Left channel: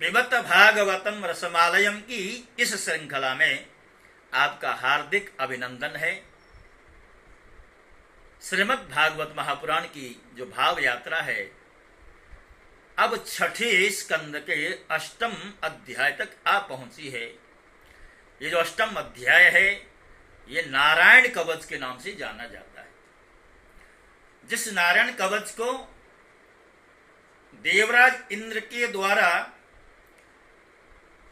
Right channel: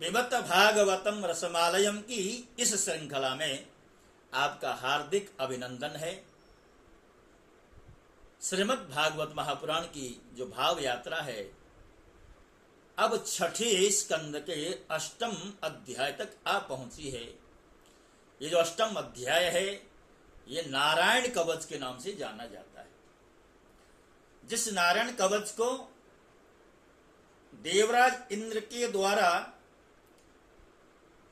पिबत भागवतम रसमालयम की इस श्रृंखला में आपका हार्दिक अभिनंदन है। श्रीमद् भागवत महापुराण की जो भाव यात्रा है, अब छठे स्कंद के अष्टम अध्याय तक आ पहुंची है। ये जो अष्टम अध्याय है, ये नारायण कवच के नाम से जाना जाता है। जिस नारायण कवच को देवराज इंद्र के द्वारा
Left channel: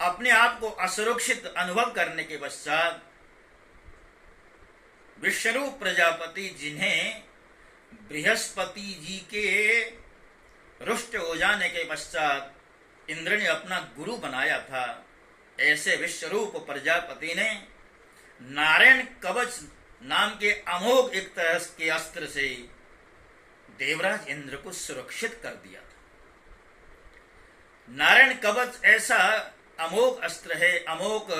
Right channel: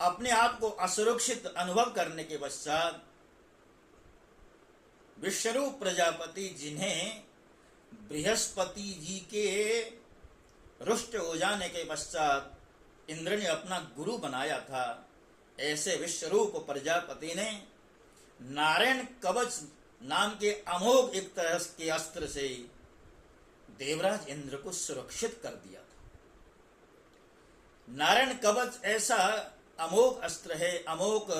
अपने आप को असुरक्षित अनुभव करने के पश्चात विश्वरूप प्रजापति, जिन्हें बृहस्पति जी के रुष्ट हो जाने के पश्चात इंद्र ने अपना गुरु बनाया था, ऐसे विश्वरूप प्रजापति ने नारायण कवच नाम के अमोघ एक तरह के अस्त्र से देवराज इंद्र को सुरक्षित कर दिया था। नारायण कवच ऐसा अमोघ अस्त्र है, अमोघ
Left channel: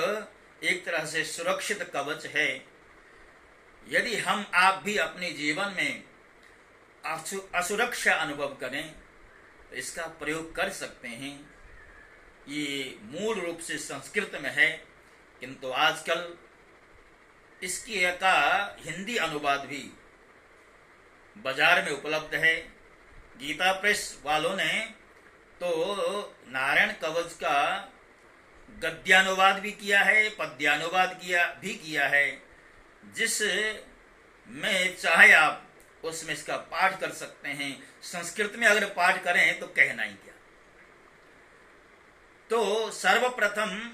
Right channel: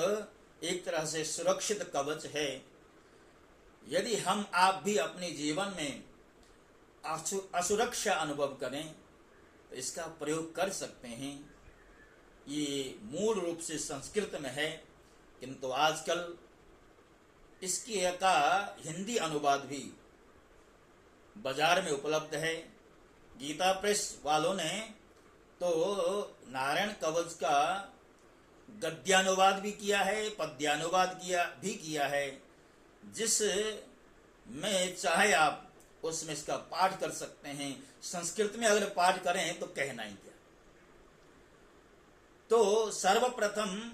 एक तरह से सुरक्षित कवच है। यदि हम आप भी अपने जीवन में असुरक्षा अनुभव करें तो इसका प्रयोग कर सकते हैं। ये मूल रूप से संस्कृत में है, किंतु आजकल इसकी का हिंदी अनुवाद भी बाजार में उपलब्ध है। गीता प्रेस वालों ने तो नारायण कवच का गद्यानुवाद भी किया है, पद्यानुवाद किया है, जिस में चाहे आप उसमें इसका पाठ कर सकते हैं। संस्कृत में अगर पाठ करें तो कहना ही क्या। तो सर्वप्रथम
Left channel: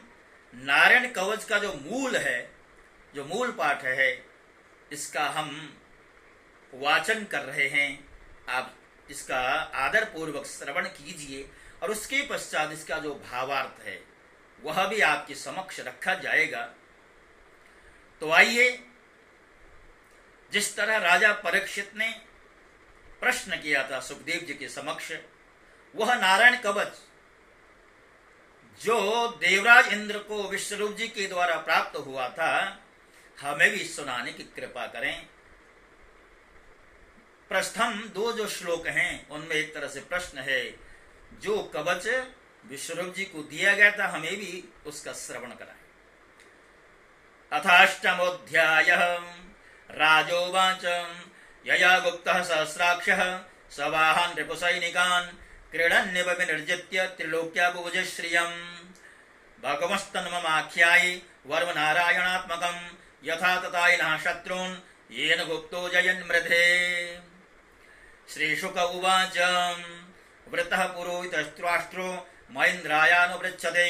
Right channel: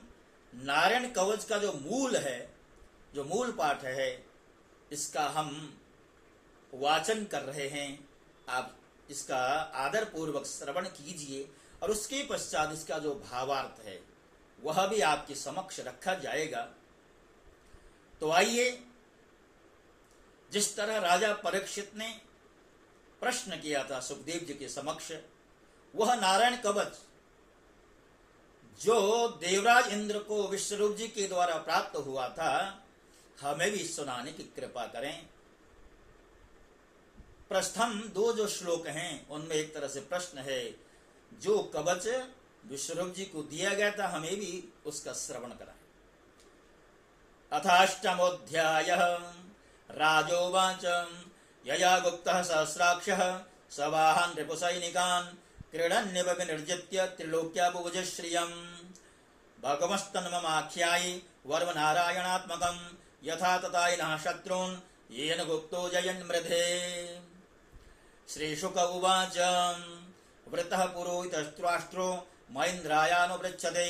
नारायण कवच का जो मूल है, जो मूल पाठ है, इसका हम वाचन कर रहे हैं। आप इसका आदर पूर्वक श्रवण कीजिए और उसके पश्चात इसका जो भावार्थ है वह भी आपके समक्ष रखा जाएगा। तो आइए, जिस तरह राजा परीक्षित ने प्रश्न किया था सुखदेव जी के समक्ष, वह नारायण कवच जो देवराज इंद्र को विश्वरूप जी के द्वारा प्राप्त हुआ था, हमें भी सुनाने की कृपा करें। प्रथम दो जो श्लोक हैं उनमें एक तरह से प्रश्न है, जो कवच विश्वरूप जी को दिया गया था, हमें भी उसका श्रवण कराएं। अथाष्टमोऽध्यायः राजोवाच यया गुप्तः सहस्राक्षः सवाहान् रिपुसैनिकान् क्रीडन्निव विनिर्जित्य त्रिलोक्याबुभुज श्रियम् भगवस्तन्ममाख्यायि वर्मनारायणात्मकम् यथा तथायिनः शत्रून् येन गुप्तो जयन् मृधे। श्रीशुक उवाच वृतः पुरोहितस्त्वाष्ट्रो महेन्द्रायानुपृच्छते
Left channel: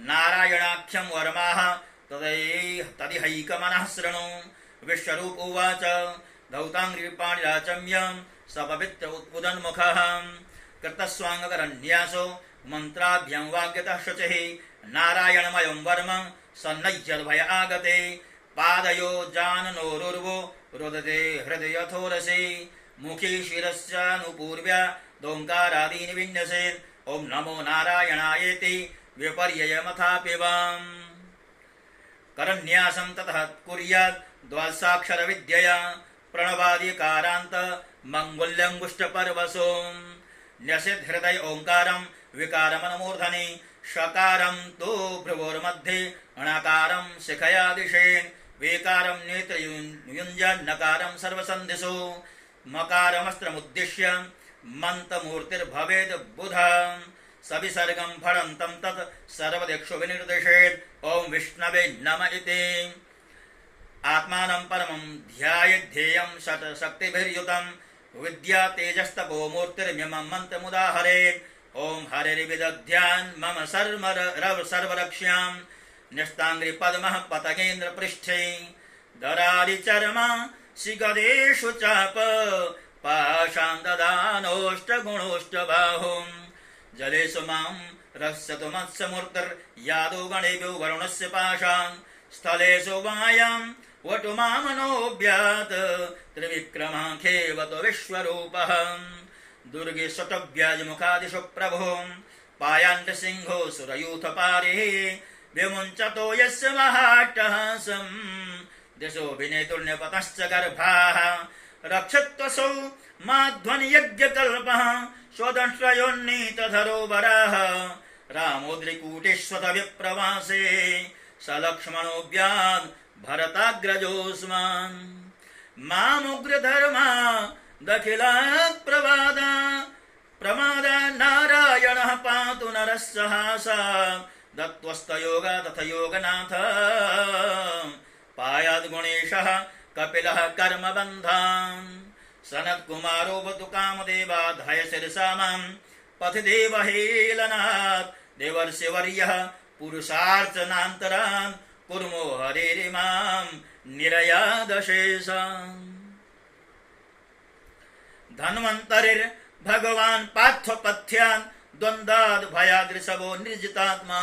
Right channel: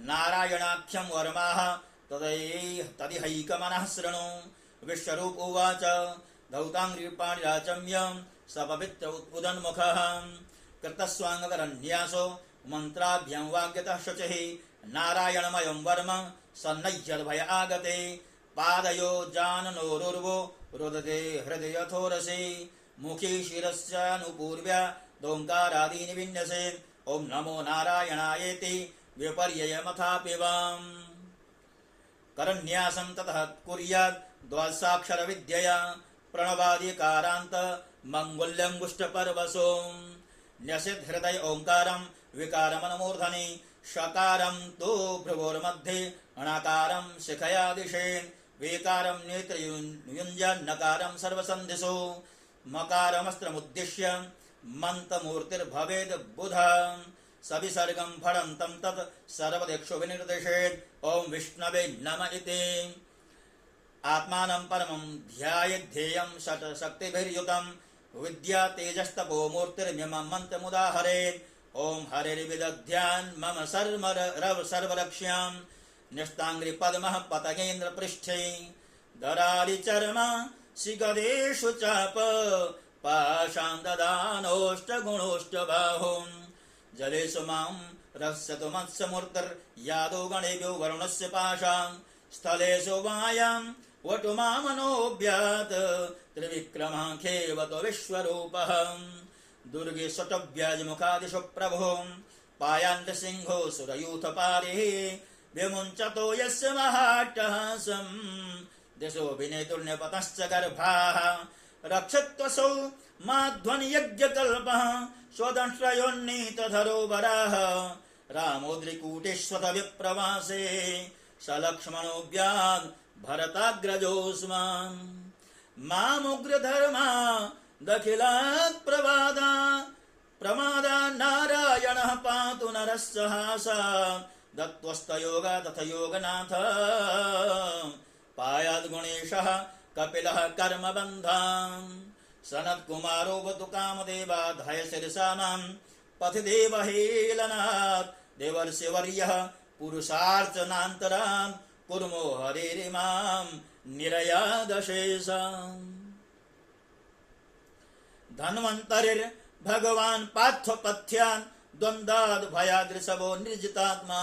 नारायणाख्यं वर्माः तदिहैकमनः शृणु। विश्वरूप उवाच धौताङ्घ्रिपाणिराचम्यं सपवित्र उदन्मुखः कृतस्वाङ्गकरन्यासो मन्त्राभ्यां वाग्यतः शुचिः नारायणमयं वर्म सन्नय्यद्भय आगते पादयो जाननोरुर्वो रुदते हृदयथोरसे मुखी शिरस्यानुपूर्व्या दोङ्कारादीनि विन्यसेन् ॐ नमो नारायणायेति विपर्ययमथापिवाम् करन्यासं ततः कुर्यात् द्वादशाक्षरविद्यया प्रणवादिकारान्त मङ्गुल्यङ्गुष्ठपर्वसो न्यसेत् हृदय ओङ्कारं विकारमनुमूर्धनि षकारं तु भ्रुवोर्मध्ये णकारं शिखया दिशेन् वेकारं नेत्रयुञ्जन्नकारं सर्वसन्धिषु मकारमस्त्रमुद्दिश्य मन्त्रमूर्तिर्भवेद् बुधं सविसर्गं फलन्तं तत् सर्वदिक्षु विनिर्दिशेत् ॐ विष्णवे नम इति। आत्मानं परमं ध्यायेद्धेयं शक्तिभिर्युतं विद्या तेजस्तपो मूर्तिर्मिमं मन्त्रमुदाहरेत् ॐ हरिर्विदध्यान् मम सर्वरक्ष्यां न्यस्ताङ्घ्रिपद्मः पतगेन्द्रपृष्ठे दरारिचर्मा शिगदेषु चाप पाशान्ददानोष्टगुणोष्टबाहुं जलेषु मां रक्षतु मत्स्यमूर्तिर्यादो गणेभ्यो वरुणस्य पाशान् स्थलेषु वायां वटु मामनोऽभ्यात् त्रिविक्रमाख्येवतो विश्वरूपः दुर्गे शतव्याजमुखादिषु प्रभुं पायान्तसिंहो सुरयूथपारिः विमुञ्चतो यस्य महाट्टहासं दिशो विनेतुर्न्यपतश्च गर्भाः रक्षत्वसौ माध्वनियज्ञकल्पः स्वदंश्रयोन्नीतधरो वराः रामोद्रिकूटेष्वत विप्रवासे स लक्ष्मणोऽव्याद् भरताग्रजोऽस्मान् मामुग्रधर्मा दखिलात् प्रवादा प्रमादा नारायणः पातु नरः सहासात् दत्त्वस्तयोगा तथ योगनाथ पायाद् गुणेशः कपिलः कर्मबन्धान् सनत्कुमारोऽवतु कामदेवाधाय शिरसा मां पथि देवहेलनात् देवर्षिवर्यः पुरुषार्चनान्तरान् कुर्मो हरेरिमां निरयादशेषाम् धन्वन्तरिर्भगवान् पार्थपथ्यान् द्वन्द्वाद् भयाद्रिशवो निर्जितात्मा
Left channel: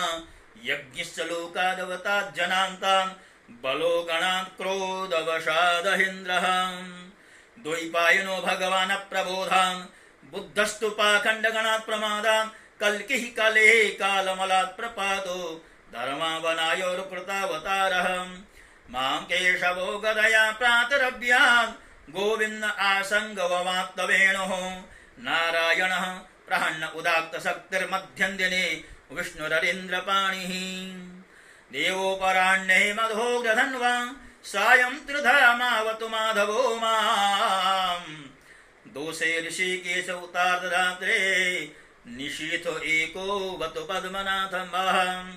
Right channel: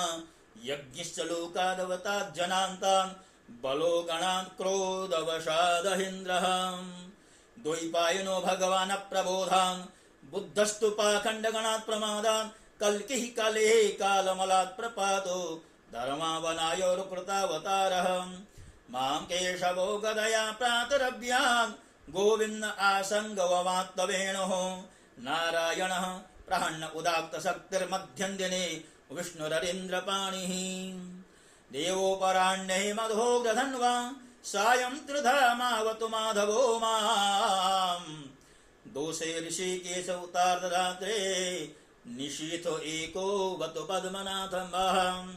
यज्ञश्च लोकादवतात् जनान्तान् बलो गणात् क्रोधवशादहीन्द्रः द्वैपायनो भगवान् अप्रबोधान् बुद्धस्तु पाखण्डगणात् प्रमादान् कल्किः कलेः कालमलात् प्रपातो धर्मावनायोरुकृतावतारः मां केशवो गदया प्रातरव्यात् गोविन्द आसङ्गवमात्तवेणुः नारायणः प्रहन्न उदात्तशक्तिर्मध्यं दिने विष्णुररीन्द्रपाणिः देवोपराह्णे मधोग्रधन्वा सायं त्रिधामावतु माधवो माम् दोषे ऋषिकेश उतार्धरात्रे निशीथो एको वतु पद्मनाथमहम्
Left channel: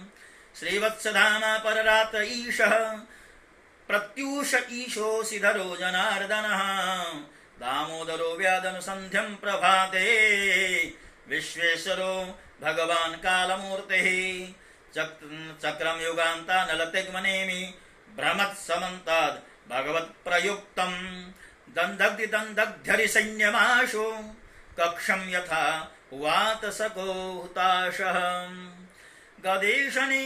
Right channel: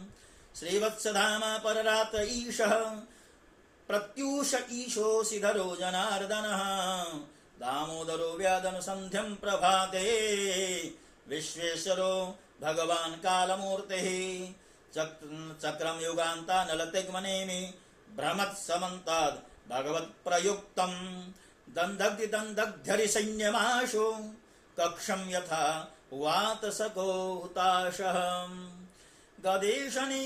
श्रीवत्सधामा पररात्र ईशः प्रत्यूष ईशोऽसिधरो जनार्दनः दामोदरो व्यादनुसन्ध्यं प्रभाते विश्वेश्वरो भगवान् कालमूर्तिः चक्रं युगान्तानलतिग्मनेमि भ्रमत्समन्ताद् भगवत्प्रयुक्तम् दन्दग्धरिसैन्यमाशु कक्षं यथा वातसको हुताशः गदेशनि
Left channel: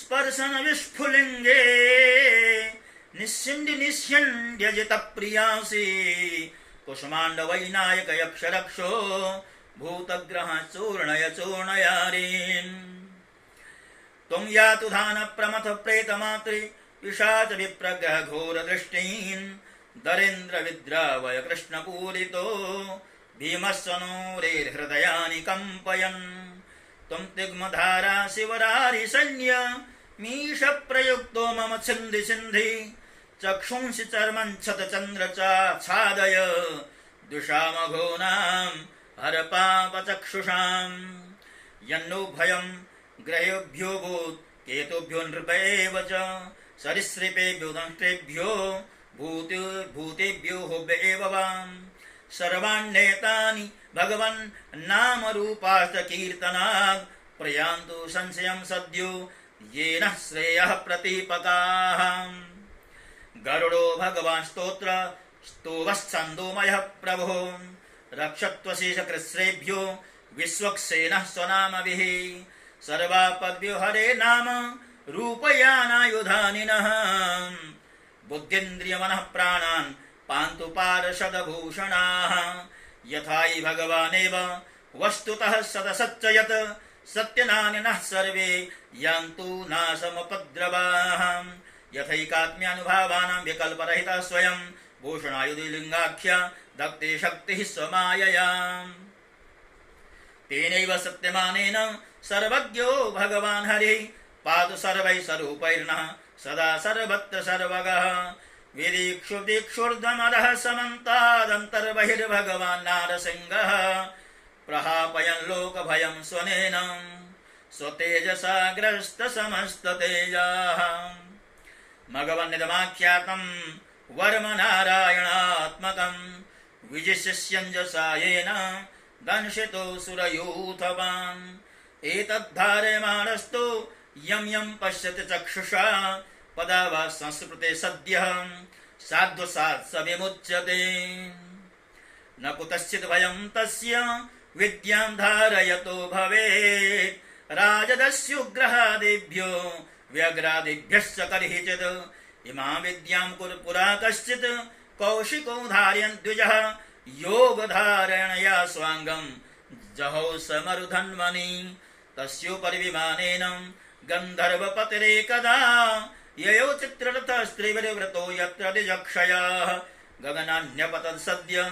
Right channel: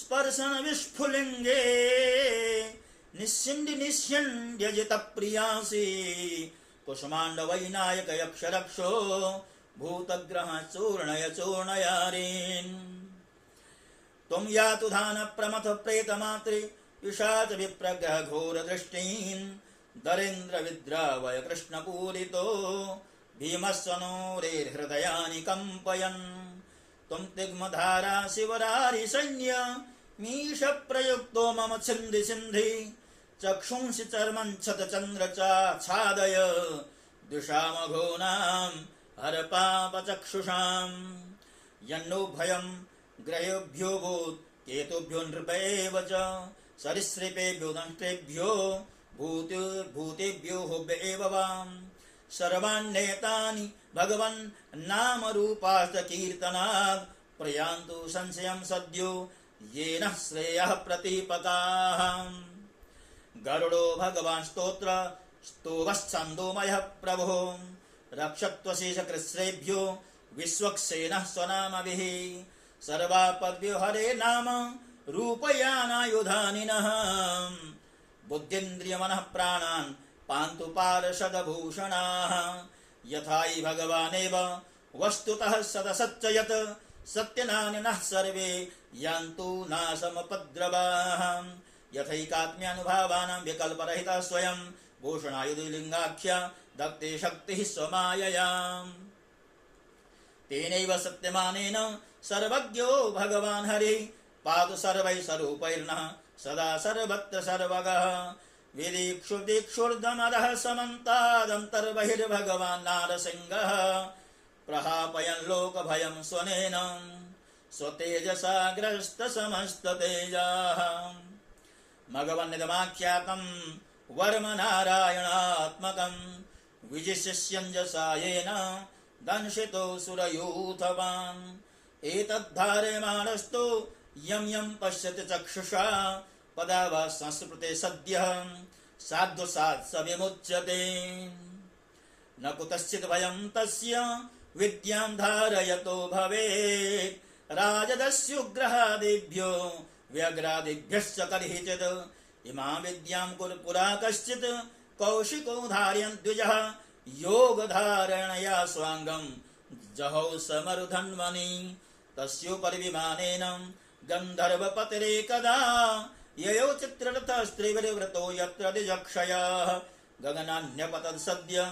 स्पर्शन विस्फुलिङ्गे निस्यन्द्यजितप्रियासि कुसुमाण्डवैनायक यक्षरक्षो भूतग्रह चूर्णय चूर्णयारीन् त्वं यातु धान प्रमथ प्रेतमात्रि पिशाच विप्रग्रह घोरदृष्टीन् दरेन्द्र विद्रावय कृष्णपूरितो भीमस्वनोरेर्हृदयानि कम्पयन् त्वं तिग्मधारा शिवरारि सैन्य मीश प्रयुक्तो मम छिन्धि छिन्धि चक्षुंसि चर्मञ्छतचन्द्रचाच्छादय द्विषामघोनां हर पापचक्षुषाम् यन्नो भयं ग्रहेभ्यो भूत् केतुभ्यो नृपैव च सरीसृपेभ्यो दंष्ट्रेभ्यो भूतेभ्यो हुभ्येव वाम् सर्वाण्येतानि भगवन् नामरूपाश्च कीर्तनात् प्रयान्तु संशयं सद्यो येन श्रेयः प्रतीपकाः गरुडो भगवान् स्तोत्र स्तोवश्छन्दोमयः प्रभुः रक्षत्वशेषकृत्स्रेभ्यो विश्वक्सेनः स्वनामभिः सर्वापद्भ्यो हरे नाम रूपयानायुधानिनः बुद्धिन्द्रियमनः प्राणान् पान्तु पार्षदभूषणाः यथाहि भगवानेव वस्तुतः सदसच्च सत्यनानिनः सर्वे यान्तु नाशमुपद्रवाः यथैकात्म्यानुभावानां विकल्परहितः स्वयं भूषणायुधिलिङ्गाख्या दत्ते शक्तिः स्वमाययाम् तेनैव सत्यमानेन सर्वज्ञो भगवान् हरिः पातु सर्वैः स्वरूपैर्नः सदा सर्वत्र सर्वगः विदीक्षुदीक्षुर्धमदः समन्तादन्तर्बहिर्भगवान् नारसिंहः प्रहापयन् लोकभयं स्वनेन स्वतेजसा ग्रस्तसमस्ततेजाः मघवन्निदमाख्यातं वर्म नारायणात्मकं विजिशिष्यञ्जसा येन दंशितो सुरयूथवान् एतद्धार्यमाणस्तु यं यं पश्यति चक्षुषा पदा वा संस्कृते सद्यः साध्वसात् स विमुच्यते न कुतश्चित् भयं तस्य विद्यां धारयतो भवेत् राजदस्युग्रहादिभ्यो व्यग्रादिभ्यश्च कर्हिचित् इमां विद्यां पुरा कश्चित् कौशिको धारयन् द्विजः योगधारणया स्वाङ्गं जहौ समरुधन्वनि तस्योपरिविमानेन गन्धर्वपतिरेकदा ययौ चित्ररथस्त्रिविर्व्रतो यत्र द्विजक्षयाः गगनान्यपतत् सद्य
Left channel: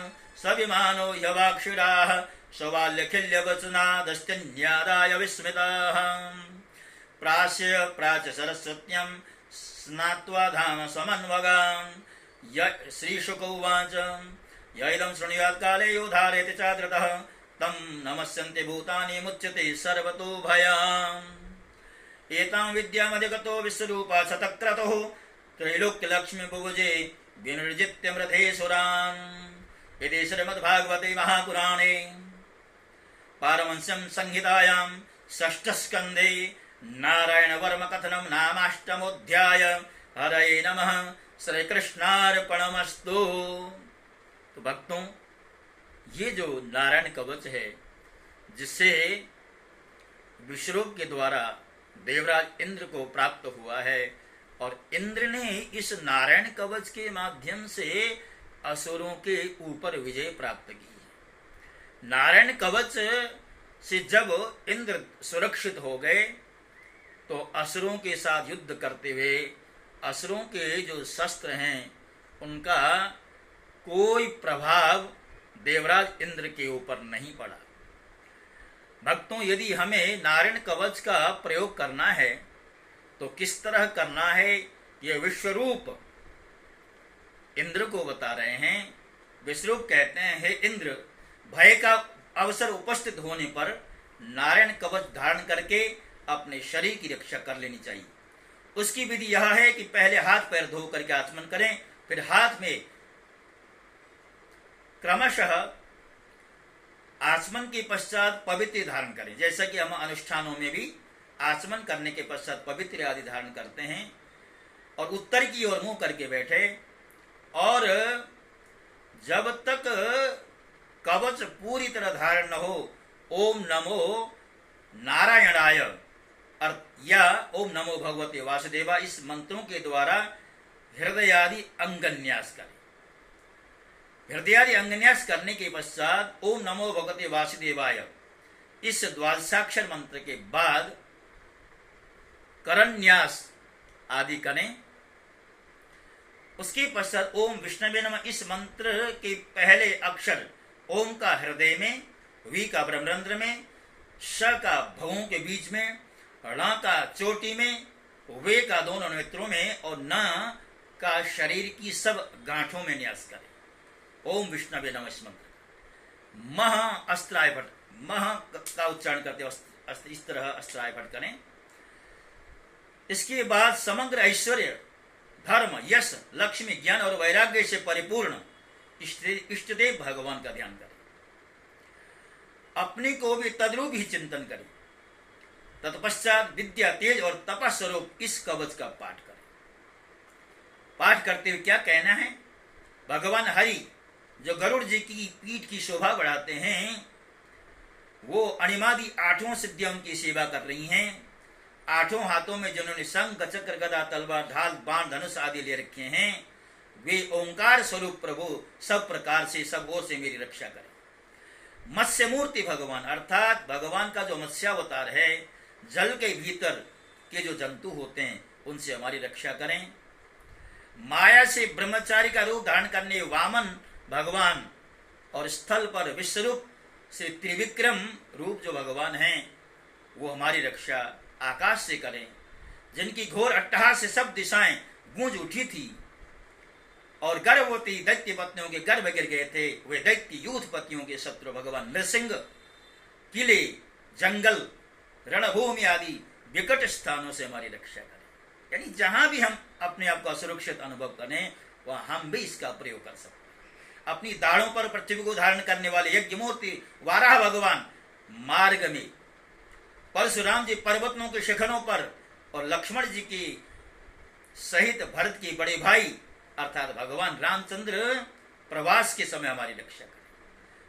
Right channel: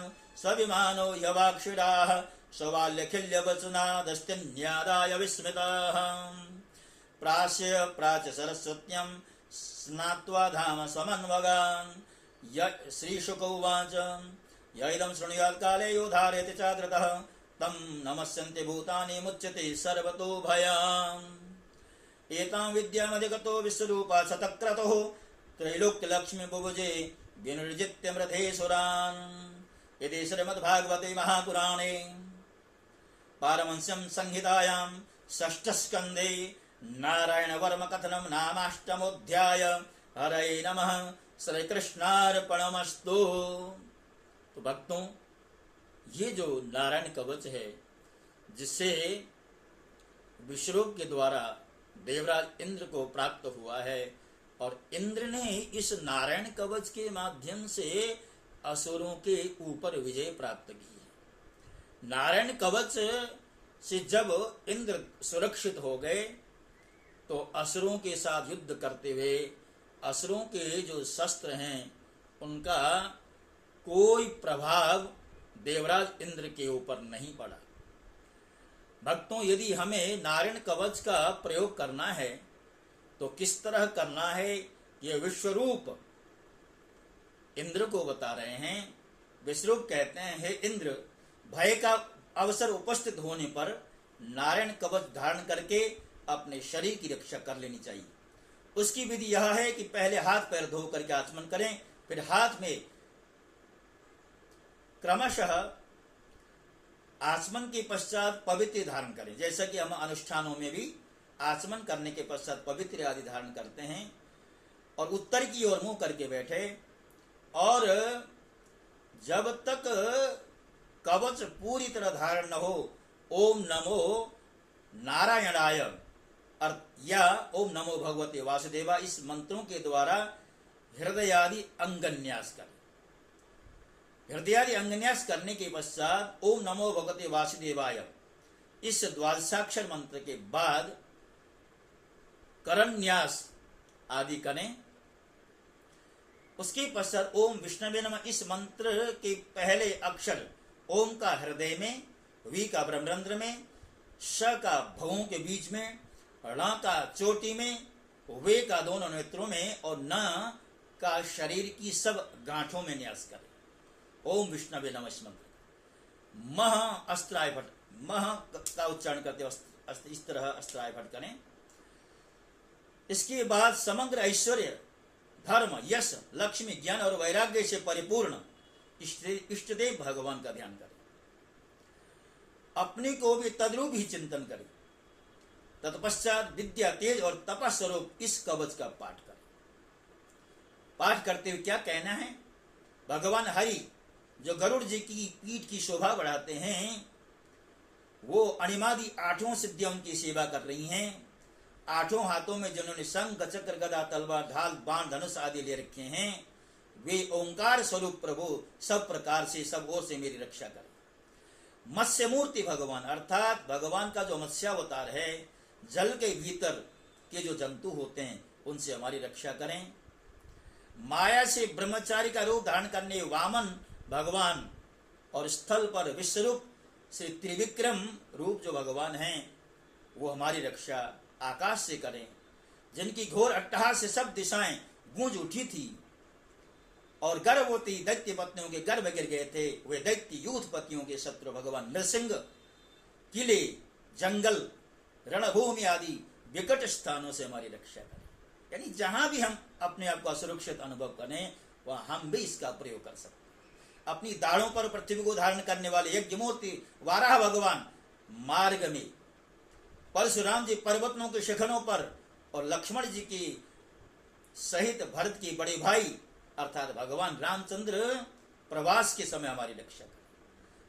स विमानो यवाक्षिराः सौवाल्यखिल्यवचनादश्चन्यादाय विस्मितः प्रास्य प्राच सरस्वत्यं स्नात्वा धाम समन्वगाम् श्रीशुक उवाच यैदं शृणुयात् काले यो धारयति चाद्रतः तं नमस्यन्ते भूतानि मुच्यते सर्वतो भयाम् एतां विद्यामधिगतो विश्वरूपा शतक्रतुः त्रैलोक्यलक्ष्मी बुभुजे विनिर्जित्य मृधेसुरान् इति श्रीमद्भागवते महापुराणे पारमहंस्यां संहितायां षष्ठस्कन्धे नारायणवर्म कथनं नामाष्टमोऽध्याय। हरये नमः। श्री कृष्णार्पणमस्तु। तो भक्तों, ये जो नारायण कवच है जिससे विश्वरूप के द्वारा देवराज इंद्र को प्राप्त हुआ है, और इंद्र ने इस नारायण कवच के माध्यम से असुरों के ऊपर विजय प्राप्त की। नारायण कवच से जब इंद्र सुरक्षित हो गए तो असुरों के साथ युद्ध करते हुए असुरों के जो शस्त्र हैं उनका कोई प्रभाव देवराज इंद्र के ऊपर नहीं पड़ा। भक्तों, यदि हमें नारायण कवच का प्रयोग करना है तो किस तरह करना है, ये विश्वरूप इंद्र को बता रहे हैं। विश्वरूप कहते हैं, हे इंद्र, भय का अवसर उपस्थित होने पर नारायण कवच धारण करके अपने शरीर की रक्षा कर लेनी चाहिए। उसकी विधि यह है कि पहले हाथ पैर धो करके आचमन करें, फिर हाथ में क्रमशः आचमन के पश्चात पवित्र धारण करें। जैसा कि हम अनुष्ठानों में भी आचमन करने के पश्चात पवित्र आदि धारण करते हैं, और उत्तर की ओर मुंह करके बैठे, और जब तक कवच पूरी तरह धारण न हो ओम नमो नारायणाय या ओम नमो भगवते वासुदेवा इस मंत्रों के द्वारा हृदयादि अंगन्यास करें। हृदयादि अंगन्यास करने के पश्चात ओम नमो भगवते वासुदेवाय इस द्वादशाक्षर मंत्र के बाद करन्यास आदि करें। उसके पश्चात ओम विष्णवे नमः इस मंत्र के पहले अक्षर ओम का हृदय में, वी का ब्रह्मरंध्र में, श का भवों के बीच में, ण का चोटी में, वे का दोनों नेत्रों में, और न का शरीर की सब गांठों में न्यास करें। ओम विष्णवे नमः इस मंत्र। मह अस्त्राय भट, मह का उच्चारण करते इस तरह अस्त्राय भट करें। इसके बाद समग्र ऐश्वर्य, धर्म, यश, लक्ष्मी, ज्ञान और वैराग्य से परिपूर्ण इष्टदेव भगवान का ध्यान करें। अपने को भी तद्रूप ही चिंतन करें। तत्पश्चात विद्या, तेज और तपस स्वरूप इस कवच का पाठ करें। पाठ करते हुए क्या कहना है? भगवान हरि जो गरुड़ जी की पीठ की शोभा बढ़ाते हैं, वो अणिमादि आठों सिद्धियों की सेवा कर रही हैं। आठों हाथों में जिन्होंने शंख, चक्र, गदा, तलवार, ढाल, बाण, धनुष आदि ले रखे हैं, वे ओंकार स्वरूप प्रभु सब प्रकार से, सब ओर से मेरी रक्षा करें। मत्स्य मूर्ति भगवान, अर्थात भगवान का जो मत्स्यावतार है, जल के भीतर के जो जंतु होते हैं उनसे हमारी रक्षा करें। माया से ब्रह्मचारी का रूप धारण करने वामन भगवान, और स्थल पर विश्वरूप से त्रिविक्रम रूप जो भगवान हैं, वो हमारी रक्षा आकाश से करें। जिनकी घोर अट्टहास से सब दिशाएं गूंज उठी थी और गर्भवती दैत्य पत्नियों के गर्भ गिर गए थे, वे दैत्य यूथपतियों के शत्रु भगवान नृसिंह किले, जंगल, रणभूमि आदि विकट स्थानों से हमारी रक्षा करें। यानी जहां भी हम अपने आप को असुरक्षित अनुभव करें, वहां हम भी इसका प्रयोग कर सकते हैं। अपनी दाढ़ों पर पृथ्वी को धारण करने वाले यज्ञ मूर्ति वाराह भगवान मार्ग में, परशुराम जी पर्वतों के शिखरों पर, और लक्ष्मण जी की सहित भरत की बड़े भाई अर्थात भगवान रामचंद्र प्रवास के समय हमारी रक्षा करें।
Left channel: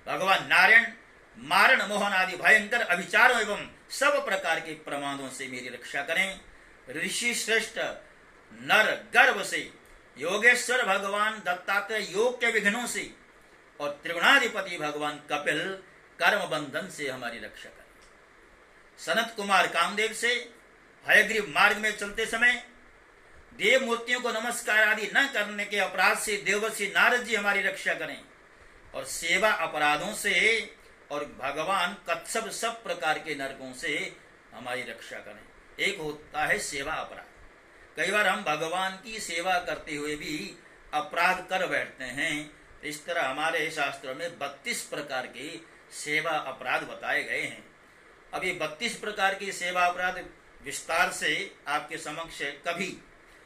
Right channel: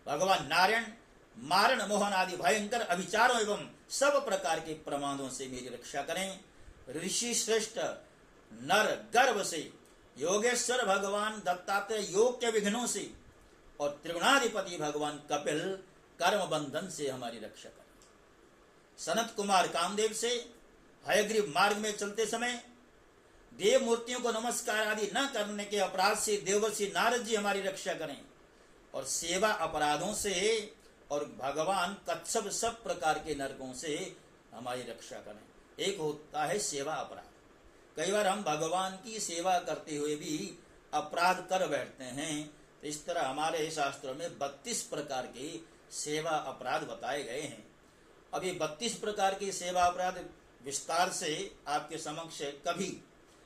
भगवान नारायण मारण, मोहन आदि भयंकर अभिचारों एवं सब प्रकार के प्रमादों से मेरी रक्षा करें। ऋषि श्रेष्ठ नर गर्भ से, योगेश्वर भगवान दत्तात्रेय योग के विघ्नों से, और त्रिगुणाधिपति भगवान कपिल कर्म बंधन से हमारी रक्षा करें। सनत कुमार कामदेव से हयग्रीव मार्ग में चलते समय देव मूर्तियों को नमस्कार आदि न करने के अपराध से देवर्षि नारद जी हमारी रक्षा करें। और सेवा अपराधों से और भगवान कच्छप सब प्रकार के नरकों से हमारी रक्षा करें। एक होता है सेवा अपराध। कई बार हम भगवान की सेवा करते हुए भी अपराध कर बैठते हैं। तो इस तरह हमारे शास्त्रों में 32 प्रकार के सेवा अपराध बताए गए हैं। अब ये 32 प्रकार के सेवा अपराध विस्तार से आपके समक्ष कभी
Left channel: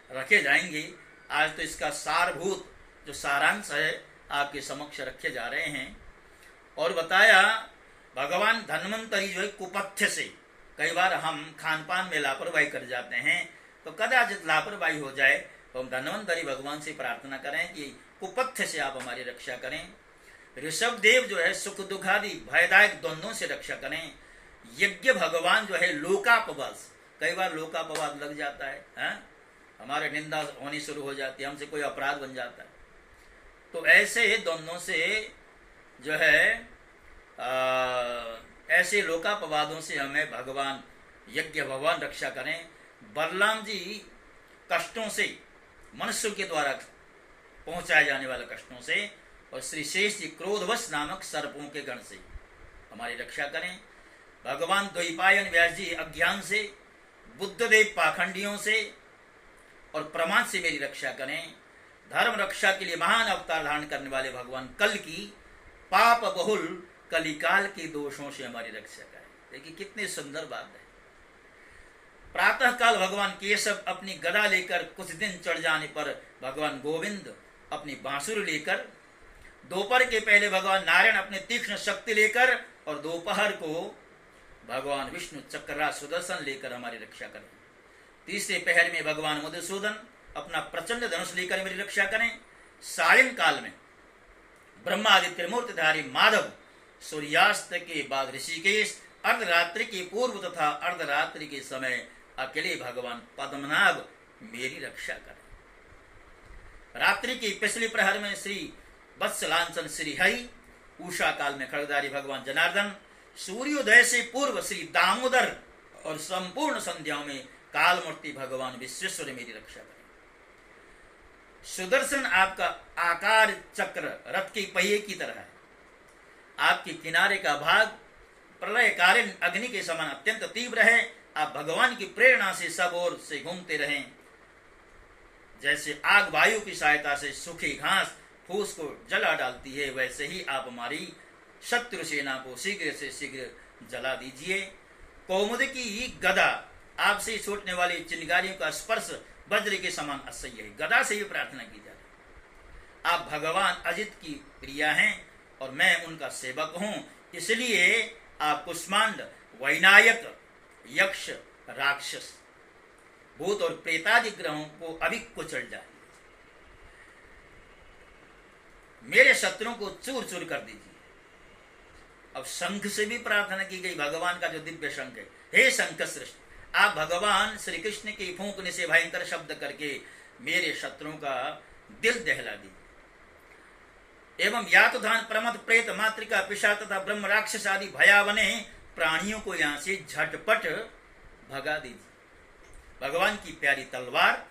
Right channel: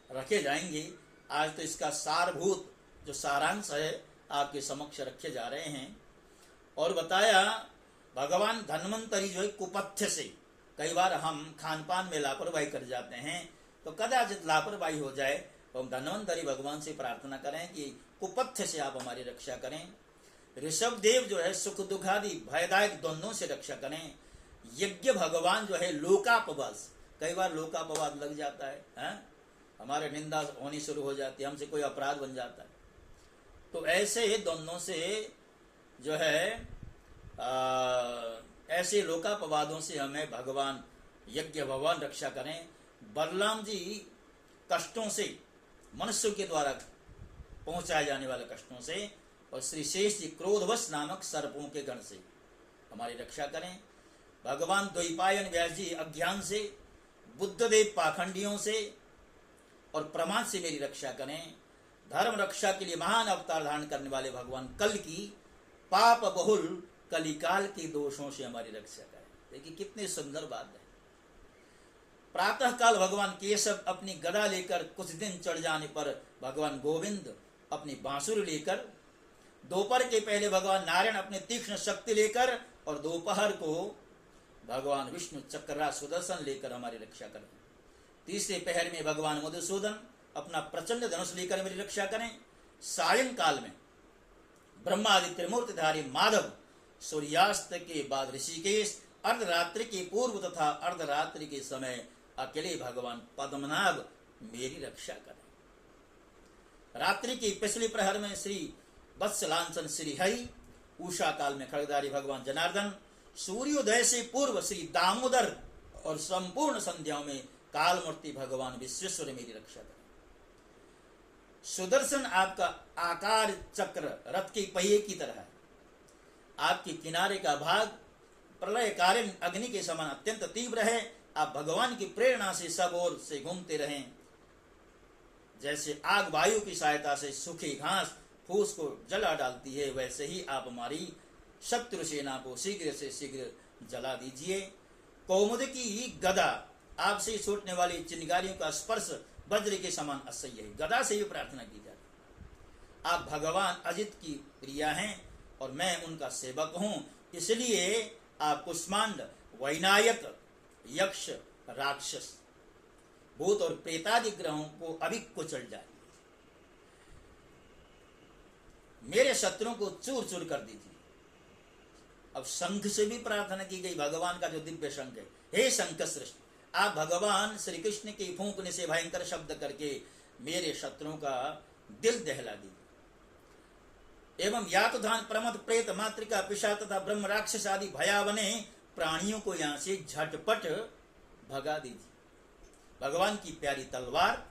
रखे जाएंगे। आज तो इसका सारभूत जो सारांश है आपके समक्ष रखे जा रहे हैं। और बताया भगवान धन्वंतरी जो है कुपथ्य से, कई बार हम खान पान में लापरवाही कर जाते हैं, तो कदाचित लापरवाही हो जाए तो हम धन्वंतरी भगवान से प्रार्थना करें कि कुपथ्य से आप हमारी रक्षा करें। ऋषभ देव जो है सुख दुखादि भयदायक द्वंद्वों से रक्षा करें। यज्ञ भगवान जो है लोकापवाद, कई बार लोकापवाद लग जाता है, हमारे निंदा होनी शुरू हो जाती है, हमसे कोई अपराध बन जाता है। तो ऐसे द्वंद्वों से जो है ऐसे लोकापवादों से हमें भगवान यज्ञ भगवान रक्षा करें। बलराम जी कष्टों से, मनुष्य के द्वारा पहुंचाए जाने वाले कष्टों से, और श्री शेष जी क्रोधवश नामक सर्पों के गण से हमारी रक्षा करें। भगवान द्वैपायन व्यास जी अज्ञान से, बुद्धदेव पाखंडियों से और प्रमाद से मेरी रक्षा करें। धर्म रक्षा के लिए महान अवतार धारण करने वाले भगवान कल की पाप बहुल कलिकाल के दोषों से हमारी रक्षा करें। देखिए कितनी सुंदर बात है। प्रातः काल भगवान केशव अपनी गदा लेकर, कुछ दिन चढ़ जाने पर भगवान गोविंद अपनी बांसुरी लेकर, दोपहर के पहले भगवान नारायण अपने तीक्ष्ण शक्ति लेकर, और दोपहर को भगवान विष्णु चक्रा सुदर्शन लेकर हमारी रक्षा करें। तीसरे पहर में भगवान मधुसूदन अपना प्रचंड धनुष लेकर मेरी रक्षा करें। सायं काल में ब्रह्मादि त्रिमूर्तिधारी माधव, सूर्यास्त के बाद ऋषिकेश, अर्धरात्रि के पूर्व तथा अर्धरात्रि के समय अकेले भगवान पद्मनाभ मेरी रक्षा करें। रात्रि की पिछली प्रहर में श्री वत्सलांचन श्री हरि, उषा काल में खड़गधारी भगवान जनार्दन, सूर्योदय से पूर्व श्री दामोदर, और संपूर्ण संध्याओं में कालमूर्ति भगवान विश्वेश्वर मेरी रक्षा करें। सुदर्शन आपका आकार चक्र रथ के पहिए की तरह है। आपके किनारे का भाग प्रलयकालीन अग्नि के समान अत्यंत तीव्र है। आप भगवान की प्रेरणा से सब ओर से घूमते रहें। जैसे आग वायु की सहायता से सूखी घास फूस को जला डालती है, वैसे ही आप हमारी शत्रु सेना को शीघ्र से शीघ्र जला दीजिए। कौमुदी की गदा, आपसे छूटने वाली चिंगारियों का स्पर्श वज्र के समान असह्य है। गदा से ही प्रार्थना की जाती है। आप भगवान अजित की प्रिया हैं और मैं उनका सेवक हूं, इसलिए आप कुष्मांड, वैनायक, यक्ष, राक्षस, भूत और प्रेतादि ग्रहों को अभी कुचल जाए। मेरे शत्रुओं को चूर चूर कर दीजिए। अब शंख से भी प्रार्थना की गई, भगवान का जो दिव्य शंख है। हे शंख श्रेष्ठ, आप भगवान श्री कृष्ण के फूंकने से भयंकर शब्द करके मेरे शत्रुओं का दिल दहला दीजिए। एवं यातुधान, प्रमथ, प्रेत, मातृका, पिशाच तथा ब्रह्म राक्षस आदि भयावने प्राणियों को यहां से झटपट भगा दीजिए। भगवान की प्यारी तलवार,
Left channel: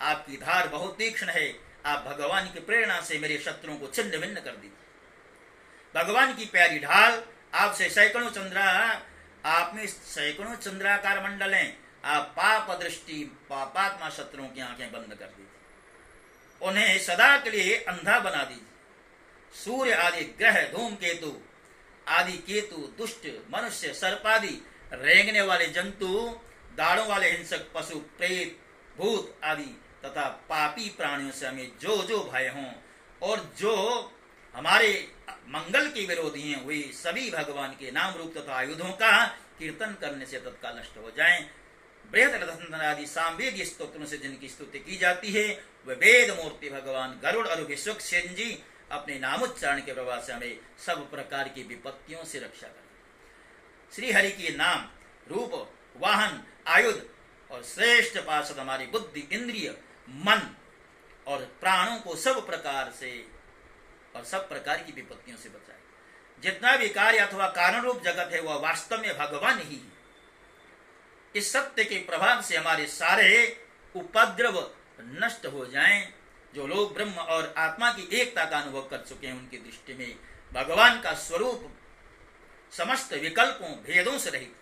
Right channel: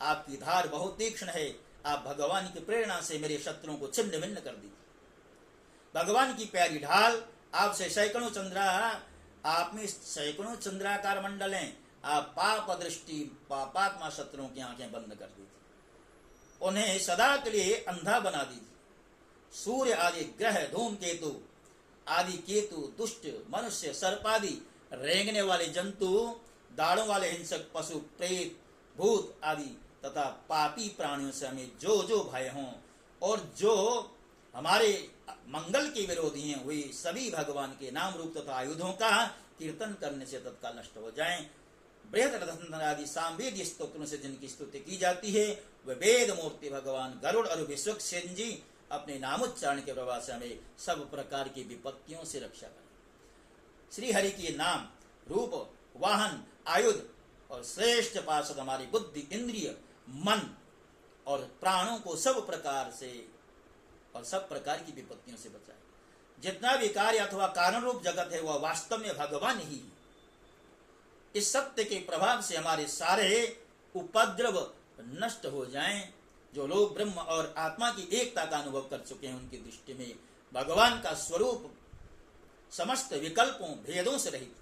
आपकी धार बहुत तीक्ष्ण है। आप भगवान की प्रेरणा से मेरे शत्रुओं को छिन्न भिन्न कर दीजिए। भगवान की प्यारी ढाल, आपसे सैकड़ों आप में सैकड़ों चंद्राकार मंडल हैं। आप पाप दृष्टि पापात्मा शत्रुओं की आंखें बंद कर दीजिए। उन्हें सदा के लिए अंधा बना दीजिए। सूर्य आदि ग्रह, धूमकेतु आदि केतु, दुष्ट मनुष्य, सर्पादि रेंगने वाले जंतु, दाढ़ों वाले हिंसक पशु, प्रेत, भूत आदि तथा पापी प्राणियों से हमें जो जो भय हों और जो हमारे मंगल के विरोधी हैं, वे सभी भगवान के नाम रूप तथा आयुधों का कीर्तन करने से तत्काल नष्ट हो जाएं। बृहद रथंधर आदि सामवेद स्तोत्रों से जिनकी स्तुति की जाती है, वे वेद मूर्ति भगवान गरुड़ और विश्वक्सेन जी अपने नामोच्चारण के प्रभाव से हमें सब प्रकार की विपत्तियों से रक्षा करें। श्री हरि के नाम, रूप, वाहन, आयुध और श्रेष्ठ पार्षद हमारी बुद्धि, इंद्रिय, मन और प्राणों को सब प्रकार से और सब प्रकार की विपत्तियों से बचाए। जितना भी कार्य अथवा कारण रूप जगत है वह वास्तव में भगवान ही है। इस सत्य के प्रभाव से हमारे सारे उपद्रव नष्ट हो जाएं। जो लोग ब्रह्म और आत्मा की एकता का अनुभव कर चुके हैं, उनकी दृष्टि में भगवान का स्वरूप समस्त विकल्पों भेदों से रहित,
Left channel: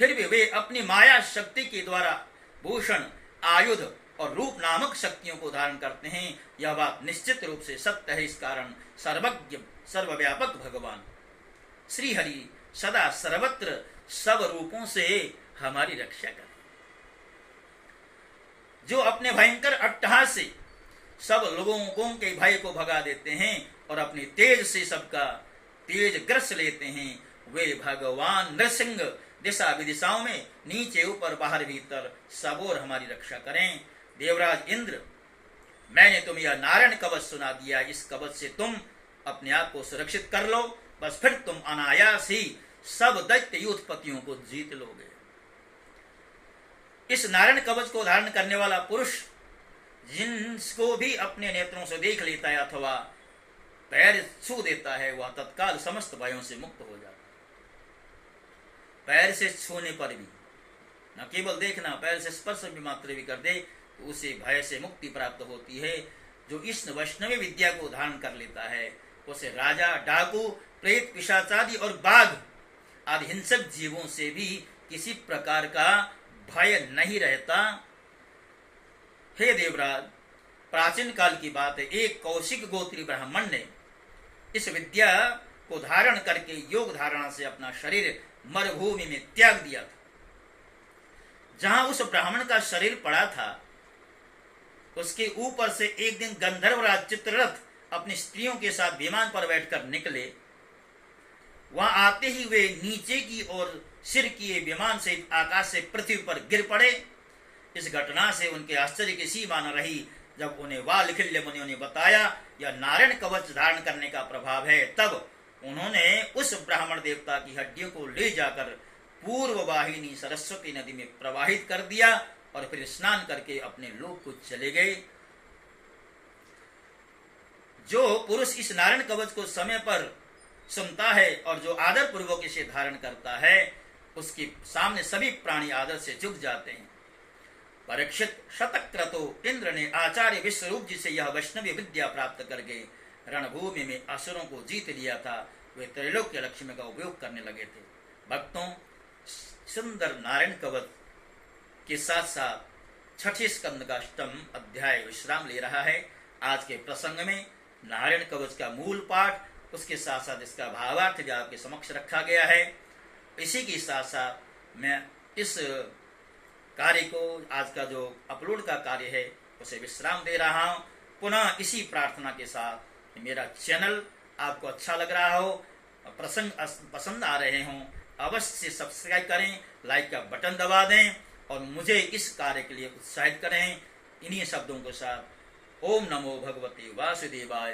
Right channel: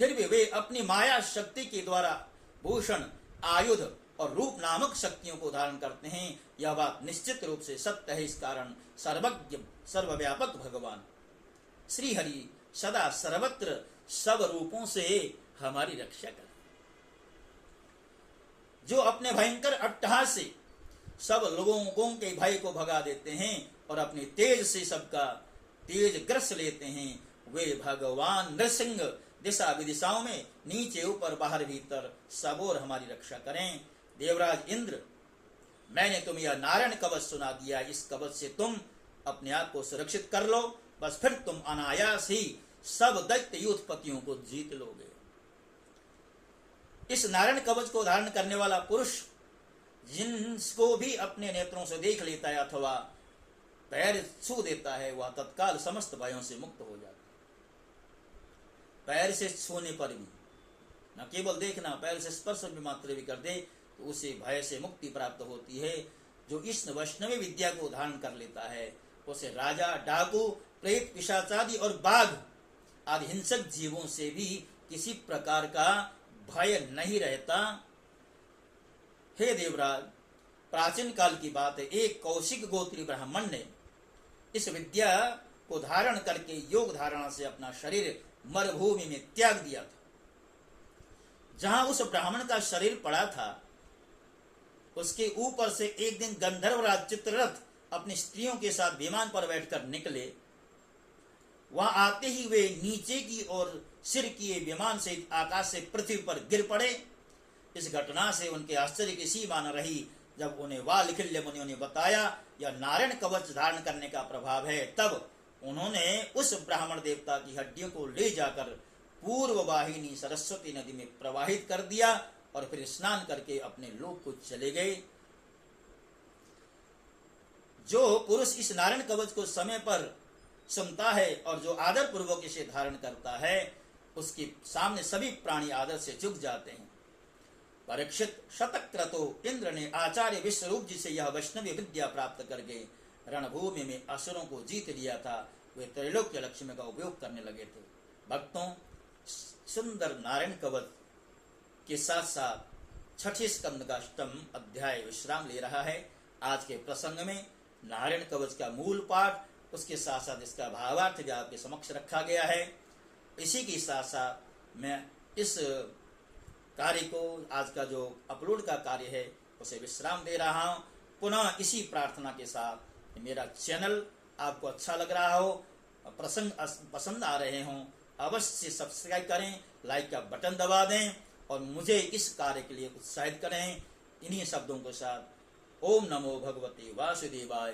फिर भी वे अपनी माया शक्ति के द्वारा भूषण, आयुध और रूप नामक शक्तियों को धारण करते हैं। यह बात निश्चित रूप से सत्य है। इस कारण सर्वज्ञ सर्वव्यापक भगवान श्री हरि सदा सर्वत्र सब रूपों से हमारी रक्षा करें। जो अपने भयंकर अट्टहास से सब लोगों के भय को भगा देते हैं और अपने तेज से सबका तेज ग्रस लेते हैं, वे भगवान नृसिंह दिशा विदिशाओं में नीचे ऊपर बाहर भीतर सब और हमारी रक्षा करें। देवराज इंद्र, मैंने तुम्हें यह नारायण कवच सुना दिया, इस कवच से तुम अपने आप को सुरक्षित कर लो, बस फिर तुम अनायास ही सब दैत्य युद्धपतियों को जीत लोगे। इस नारायण कवच को धारण करने वाला पुरुष जिसको भी अपने नेत्रों से देख लेता है अथवा पैर छू देता है, वह तत्काल समस्त भयों से मुक्त हो जाता है। पैर से छूने पर भी, न केवल देखना, पैर से स्पर्श भी मात्र भी कर दे तो उसे भय से मुक्ति प्राप्त होती है। जो इस वैष्णवी विद्या को धारण कर लेता है उसे राजा, डाकू, प्रेत, पिशाचादि और बाघ आदि हिंसक जीवों से भी किसी प्रकार का भय नहीं रहता। हे देवराज, प्राचीन काल की बात है, एक कौशिक गोत्री ब्राह्मण ने इस विद्या को धारण करके योग धारणा से अपना शरीर मरुभूमि में त्याग दिया था। जहां उस ब्राह्मण का शरीर पड़ा था, उसके ऊपर से एक दिन गंधर्वराज चित्ररथ अपनी स्त्रियों के साथ विमान पर बैठकर निकले। वहां आते ही वे नीचे की ओर सिर किए विमान से आकाश से पृथ्वी पर गिर पड़े। इस घटना से उनके आश्चर्य की सीमा न रही। जब उन्हें वालखिल्य मुनियों ने बताया यह नारायण कवच धारण करने का प्रभाव है, तब उन्होंने उस ब्राह्मण देवता की हड्डियों को ले जाकर पूर्व वाहिनी सरस्वती नदी में प्रवाहित कर दिया और फिर स्नान करके अपने लोक को चले गए। जो पुरुष इस नारायण कवच को समय पर सुनता है और जो आदर पूर्वक इसे धारण करता है, उसके सामने सभी प्राणी आदर से झुक जाते हैं। परीक्षित शतक्रतो इंद्र ने आचार्य विश्वरूप जी से यह वैष्णवी विद्या प्राप्त करके रणभूमि में असुरों को जीत लिया था। वे त्रैलोक्य लक्ष्मी का उपयोग करने लगे थे। भक्तों, सुंदर नारायण कवच के साथ साथ छठे स्कंद का अष्टम अध्याय विश्राम ले रहा है। आज के प्रसंग में नारायण कवच का मूल पाठ, उसके साथ साथ इसका भावार्थ जो आपके समक्ष रखा गया है। इसी के साथ साथ मैं इस कार्य को, आज का जो अपलोड का कार्य है, उसे विश्राम दे रहा हूं। पुनः इसी प्रार्थना के साथ मेरा चैनल आपको अच्छा लग रहा हो, प्रसंग पसंद आ रहे हों, अवश्य सब्सक्राइब करें, लाइक का बटन दबा दें और मुझे इस कार्य के लिए उत्साहित करें। इन्हीं शब्दों के साथ ओम नमो भगवते वासुदेवाय।